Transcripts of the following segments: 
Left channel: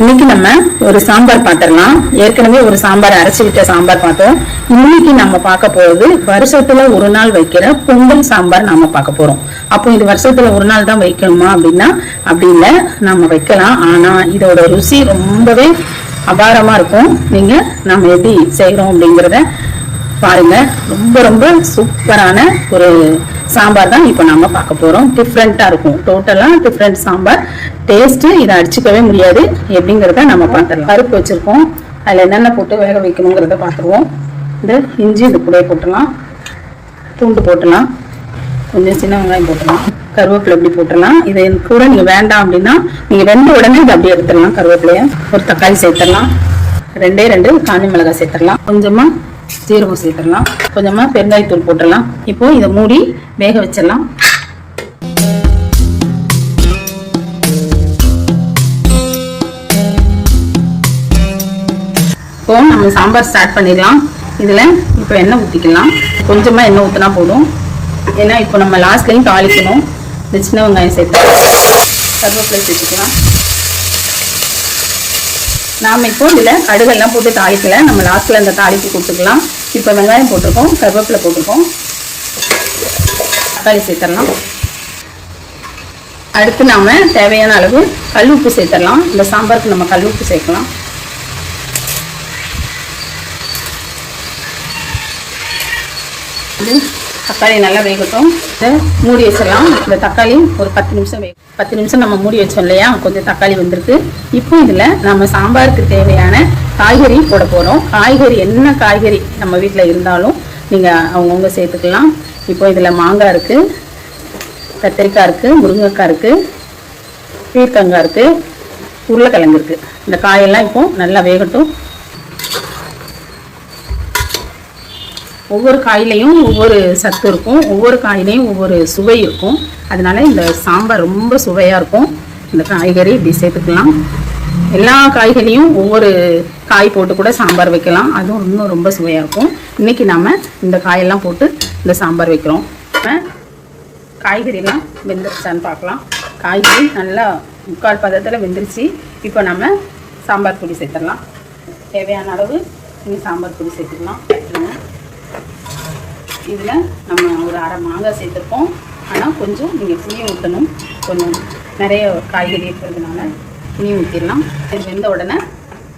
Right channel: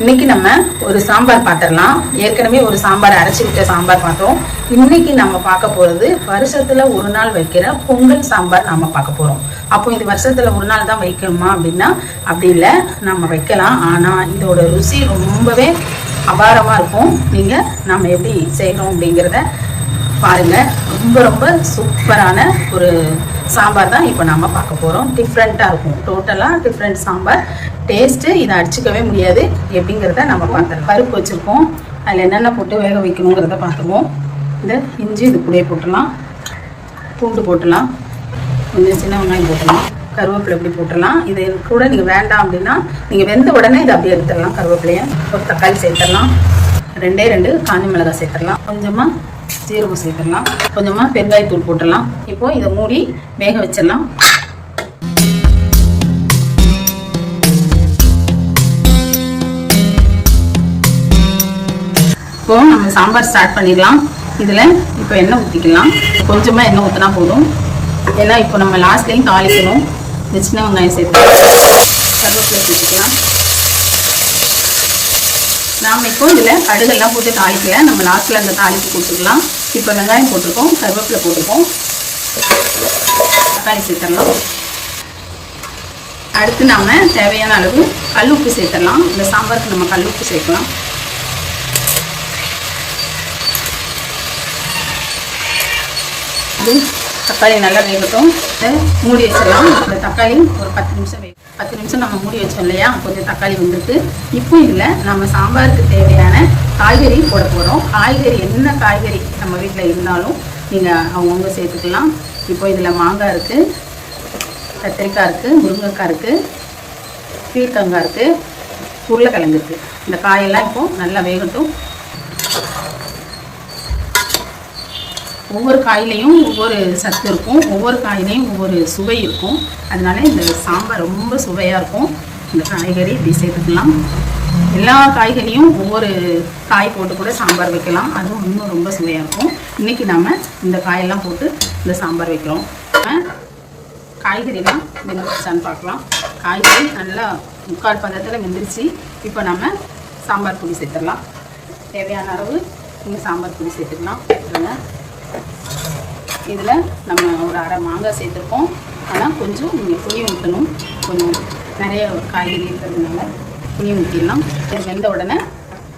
இன்னைக்கு நம்ம ஒரு சாம்பார் பார்த்துடலாம். ஏற்கனவே ஒரு சாம்பார் அரைச்சு சாம்பார் பார்த்தோம். இன்னைக்கு நம்ம பார்க்க போறது வருஷத்துல ஒரு நாள் வைக்கிற பொங்கல் சாம்பார் நாம பார்க்க போறோம். அப்போ இது வருஷத்துல ஒரு நாள் தான் வைக்கணுமா அப்படின்னா அப்படி இல்லை. நம்ம வைக்கலாம். ஆனா இதோட ருசி ரொம்பவே அபாரமா இருக்கும். நீங்க நம்ம எப்படி செய்யறோம் அப்படிங்கிறத பாருங்க. ரொம்ப ரொம்ப சூப்பரான ஒரு சாம்பார் தான் இப்போ நம்ம பார்க்க போறோம். டிஃப்ரெண்டா இருக்கும். டோட்டலா டிஃப்ரெண்ட் சாம்பார். டேஸ்ட் இதை அடிச்சுக்கவே முடியாது. எப்படிங்கிறத நம்ம பார்த்துடலாம். பருப்பு வச்சிருக்கோம். அதில் என்னென்ன போட்டு வேக வைக்கணுங்கிறத பார்த்துருவோம். இந்த இஞ்சி இது கூட போட்டுடலாம். பூண்டு போட்டுடலாம். கொஞ்சம் சின்ன வெங்காயம் போட்டுடலாம். கருவேப்பிலை இப்படி போட்டுடலாம். இதை கூட நீங்க வேண்டாம் அப்படின்னா நீங்க வெந்த உடனே இதை அப்படியே எடுத்துடலாம். கருவேப்பிலையை ஒரு தக்காளி சேர்த்துடலாம். ரெண்டே ரெண்டு காஞ்சி மிளகாய் சேர்த்துடலாம். கொஞ்சமா சீரகம் சேர்த்துடலாம் கொஞ்சமா பெருங்காயத்தூள் போட்டுடலாம். இப்போ இதை மூடி வேக வச்சிடலாம். இப்போ நம்ம சாம்பார் ஸ்டார்ட் பண்ணிடலாம். இதில் இப்போ எண்ணெய் ஊற்றிக்கலாம் கொஞ்சமாக எண்ணெய் ஊற்றினா போதும். ஏன்னா இப்போ நம்ம லாஸ்ட்லையும் தாளிக்கணும். இந்த சின்ன வெங்காயம் சேர்த்து கருவேப்பிலை சேர்த்துக்கலாம். நாம் இப்போ இதில் கடுகெல்லாம் போட்டு தாளிக்கல. நம்ம லாஸ்ட்டில் இந்த தாளிப்பு கொடுத்துக்கலாம் இப்போ வெங்காயம் போட்டிருக்கோம். கருவேப்பிலை போட்டிருக்கோம். தக்காளி சேர்த்துடலாம். அடுத்து நாம் தேவையான அளவு கல் உப்பு சேர்த்துடலாம். இந்த சாம்பாருக்கு நம்ம கல் உப்பு சேர்க்கலாம். அது தக்காளி நல்லா வேகட்டும். மூடி வச்சிடலாம். இந்த தக்காளி ஒரு பத்து நிமிஷம் வே பத்து நிமிஷம் நம்ம மூடி வச்சோம் இல்லையா? கொஞ்சம் தக்காளி வந்திருக்கு. இப்போ இதில் நம்ம சாம்பாருக்கு தேவையான காய்கறி போட போகிறோம் காய்கறி என்ன காய்கறி நம்ம வீட்டில் இருந்தாலும் நீங்கள் அவங்கவுங்க சேர்த்துக்கலாம். இப்போ இதில் மாங்காய் இருக்குது கத்திரிக்காய் இருக்குது முருங்கைக்காய் இருக்குது பீர்த்தங்காய் இருக்குது உருளைக்கிழங்கு இருக்குது இந்த காயெல்லாம் இப்போ நல்லா வேகட்டும். ஒவ்வொரு காயிலையும் ஒவ்வொரு சத்து இருக்கும் ஒவ்வொரு காயிலையும் ஒவ்வொரு சுவை இருக்கும். அதனால இந்த சாம்பார் ரொம்ப சுவையாக இருக்கும். இந்த காய்கறி இப்படி சேர்த்துக்கலாம். எல்லா காய்கறியும் ஒவ்வொரு காய் போட்டு கூட சாம்பார் வைக்கலாம். அதுவும் இன்னும் ரொம்ப சுவையாக இருக்கும். இன்னைக்கு நாம் இந்த காயெல்லாம் போட்டு இந்த சாம்பார் வைக்கிறோம். காய்கறிலாம் வெந்துருச்சான்னு பார்க்கலாம். காய்கறி நல்லா முக்கால் பதத்தில் வெந்துருச்சு. இப்போ நம்ம சாம்பார் பொடி சேர்த்துடலாம். தேவையான அளவு நீங்கள் சாம்பார் பொடி சேர்த்துக்கலாம். சேர்த்துருங்க இதில் நம்ம ஒரு அரை மாங்காய் சேர்த்துருக்கோம். ஆனால் கொஞ்சம் நீங்கள் புளி ஊற்றணும். கொஞ்சம் நிறைய காய்கறி இருக்கிறதுனால புளி ஊற்றிடலாம். இது வெந்த உடனே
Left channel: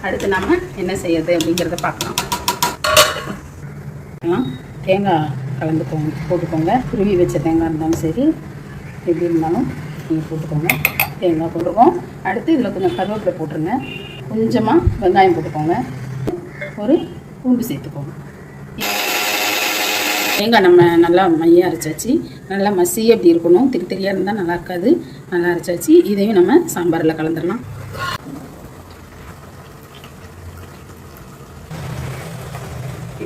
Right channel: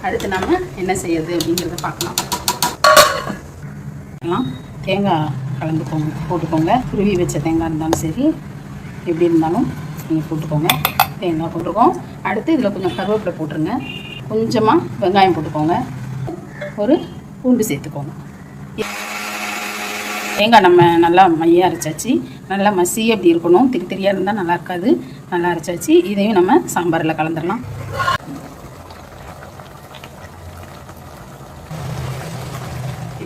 அடுத்து நாம் என்ன செய்யறது அப்படிங்கிறத பார்க்கலாம். தேங்காய் கலந்துக்கோங்க போட்டுக்கோங்க. துருவி வச்ச தேங்காய் இருந்தாலும் சரி எப்படி இருந்தாலும் நீங்கள் போட்டுக்கோங்க. தேங்காய் போட்டிருக்கோம். அடுத்து இதில் கொஞ்சம் கருவேப்பிலை போட்டுருங்க. கொஞ்சமாக வெங்காயம் போட்டுக்கோங்க. ஒரு பூண்டு சேர்த்துக்கோங்க. தேங்காய் நம்ம நல்லா மையாக அரைச்சாச்சு. நல்லா மசி அப்படி இருக்கணும். திரி திரியாக இருந்தால் நல்லா இருக்காது. நல்லா அரைச்சாச்சு. இதையும் நம்ம சாம்பாரில் கலந்துடலாம்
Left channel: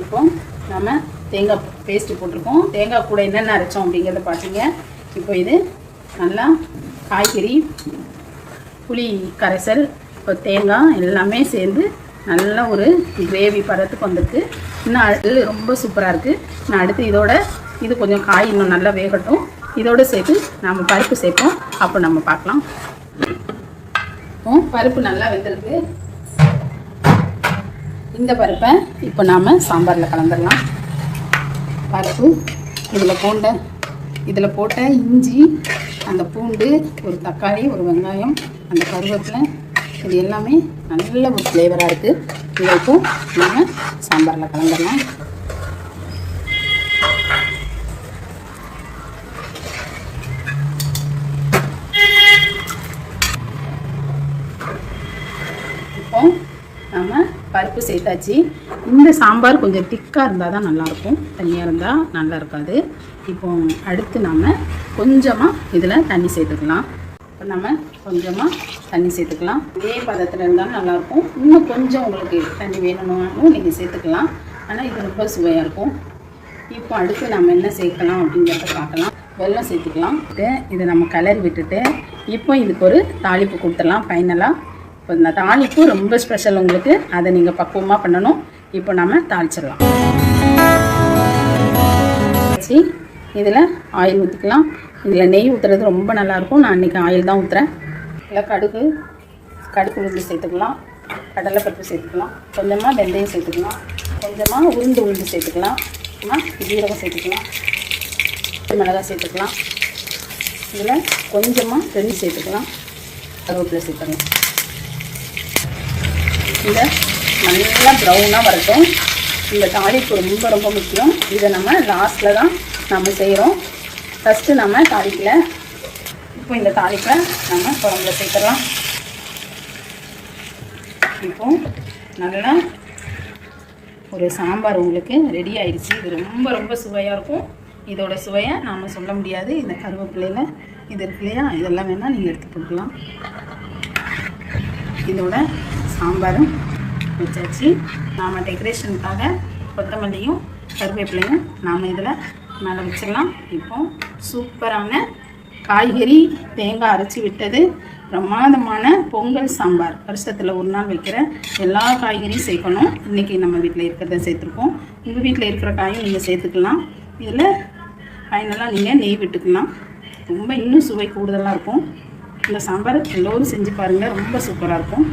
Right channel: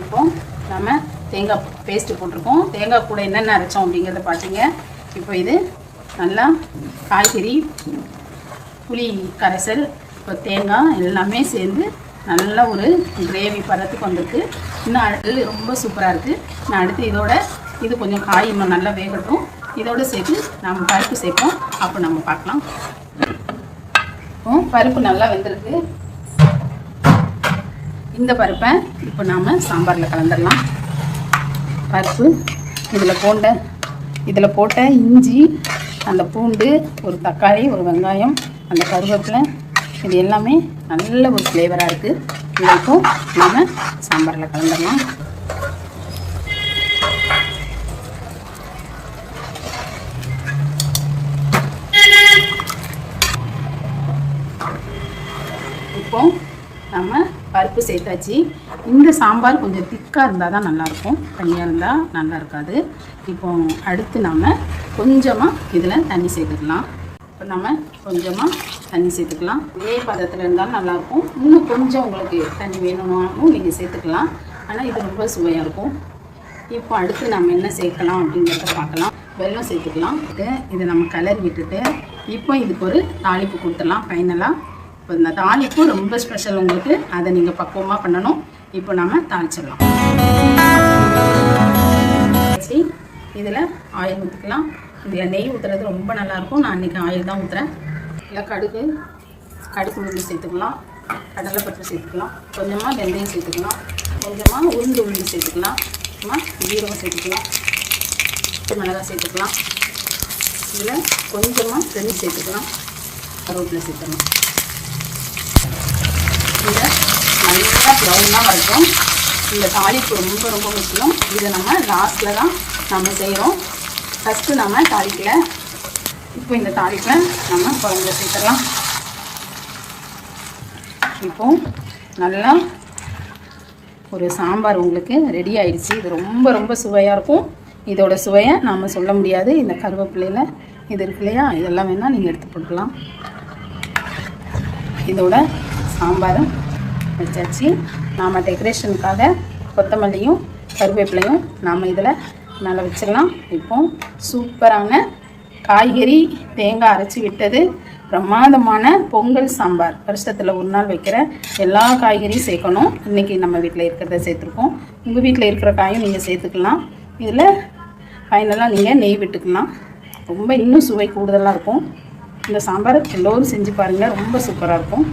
இப்போ நம்ம தேங்காய் பேஸ்ட்டு போட்டிருக்கோம். தேங்காய் கூட என்னென்ன அரைச்சோம் அப்படிங்கிறத பார்த்தீங்க இப்போ இது நல்லா காய்கறி புளி கரைசல் இப்போ தேங்காய் எல்லாமே சேர்ந்து நல்ல ஒரு கிரேவி பதத்துக்கு வந்திருக்கு. இன்னும் அடுத்து ரொம்ப சூப்பராக இருக்குது நான் அடுத்து இதோட இது கொஞ்சம் காய் இன்னும் நல்லா வேகட்டும். இதோட சேர்த்து நம்ம பருப்பு சேர்ப்போம். அப்போ நம்ம பார்க்கலாம். இப்போ பருப்பு நல்லா வெந்திருக்கு. இந்த பருப்பை இப்போ நாம் சாம்பாரில் கலந்துடலாம். பருப்பு இதில் போண்ட இதில் போட்ட இஞ்சி அந்த பூண்டு ஒரு தக்காளி ஒரு வெங்காயம் அந்த கருவேப்பிலை இது எல்லாமே நல்ல ஒரு ஃப்ளேவராக இருக்குது இதை இப்போ நம்ம சாம்பாரில் கலந்துடலாம். இப்போ நம்ம பருப்பு சேர்த்தாச்சு. இந்த சாம்பார் கொஞ்சம் திக்காக இருந்தால் தான் நல்லாயிருக்கும். தண்ணியாக இருந்தால் நல்லா இருக்காது. இப்போ அடுத்து நம்ம கொஞ்சமாக இதில் தண்ணி சேர்த்துக்கலாம். இப்போ நம்ம கொஞ்சமாக தண்ணி சேர்த்துக்கலாம். இதே பதத்தில் இருந்தாலும் நல்லாயிருக்கும் இன்னும் கொஞ்சம் உங்களுக்கு தண்ணி வேணும்னாலும் நீங்கள் சேர்த்துக்கலாம். ஆனால் இது ரொம்ப சுவையாக இருக்கும். இப்போ அடுத்து நம்ம என்ன சேர்க்கலாம் அப்படிங்கிறத பார்க்கலாம். வெள்ளம் சேர்த்துக்கலாம். இது இதை நம்ம கிளறி விட்டுட்டு இப்போ இதுக்கு ஒரு தாளிப்பு கொடுத்துடலாம் ஃபைனலாக இப்போ இந்த தாளிப்பு ரொம்ப ஸ்பெஷல் உங்களுக்கு. அதை நீங்கள் பக்குவமாக பண்ணணும். இப்போ நம்ம தாளிச்சிடலாம். இதில் ஆயில் ஊற்றிக்கலாம் இதில் நெய் ஊற்றுறது ரொம்ப நல்லாயிருக்கும் நான் இன்றைக்கி ஆயில் தான் ஊற்றுறேன் இல்லை கடுகு கடுகு உளுந்து சேர்த்துக்கலாம். கடலைப்பருப்பு சேர்த்துக்கலாம். கொஞ்சமாக வெந்தயம் சேர்த்துக்கலாம். கொஞ்சமாக உளுந்து உளுந்து சேர்த்துக்கலாம். ஜீரகம் சேர்த்துக்கலாம். மிளகாய் சேர்த்துக்கலாம். இதில் கொஞ்சமாக பெரிய சேர்த்துக்கலாம். கருவேப்பிலை சேர்த்துக்கலாம். இந்த நல்லா ப்ரௌனாக வரட்டும். இந்த தாளிப்பு ரொம்ப ரொம்ப முக்கியம். இதை நம்ம லாஸ்ட்டில் தான் நம்ம செய்கிறோம் ஃபஸ்ட்டு நம்ம தாளிப்பில் இப்போ இந்த தாளிப்பை நம்ம குழம்புல சேர்த்துடலாம். இப்போ நல்லா ஒரு சாம்பார் உங்களுக்கு ரெடி ஆயிடுச்சு. இது ரொம்ப ரொம்ப சுவையாக இருக்கும். இதோட சுவையை நாம் சொல்ல முடியாது. இந்த கருவேப்பிலையில் இது இருக்கு இல்லையா? இதெல்லாம் வேணால் நீங்கள் எடுத்து போட்டுக்கலாம். இதோட சாம்பாரும் வச்சாச்சு. நாம் டெக்கரேஷனுக்காக கொத்தமல்லியும் கருவேப்பிலையும் நாம் இதில் மேலே வச்சிடலாம். இப்போ சூப்பரான காய்கறி தேங்காய் அரைச்சி விட்டது. பிரமாதமான பொங்கல் சாம்பார். வருஷத்தில் ஒரு நாள் வைக்கிற எல்லா காய்கறியும் சேர்க்கணும். இன்றைக்கி நம்ம வீட்டில் இருக்கிறத சேர்த்துருக்கோம். உங்கள் வீட்டில் இருக்கிற காயும் நீங்கள் சேர்த்துக்கலாம். இதில் ஃபைனலாக நீங்கள் நெய் விட்டுக்கலாம். ரொம்ப இன்னும் சுவை கூடுதலாக இருக்கும். இந்த சாம்பார் எல்லோரும் செஞ்சு பாருங்கள் ரொம்ப சூப்பராக இருக்கும்.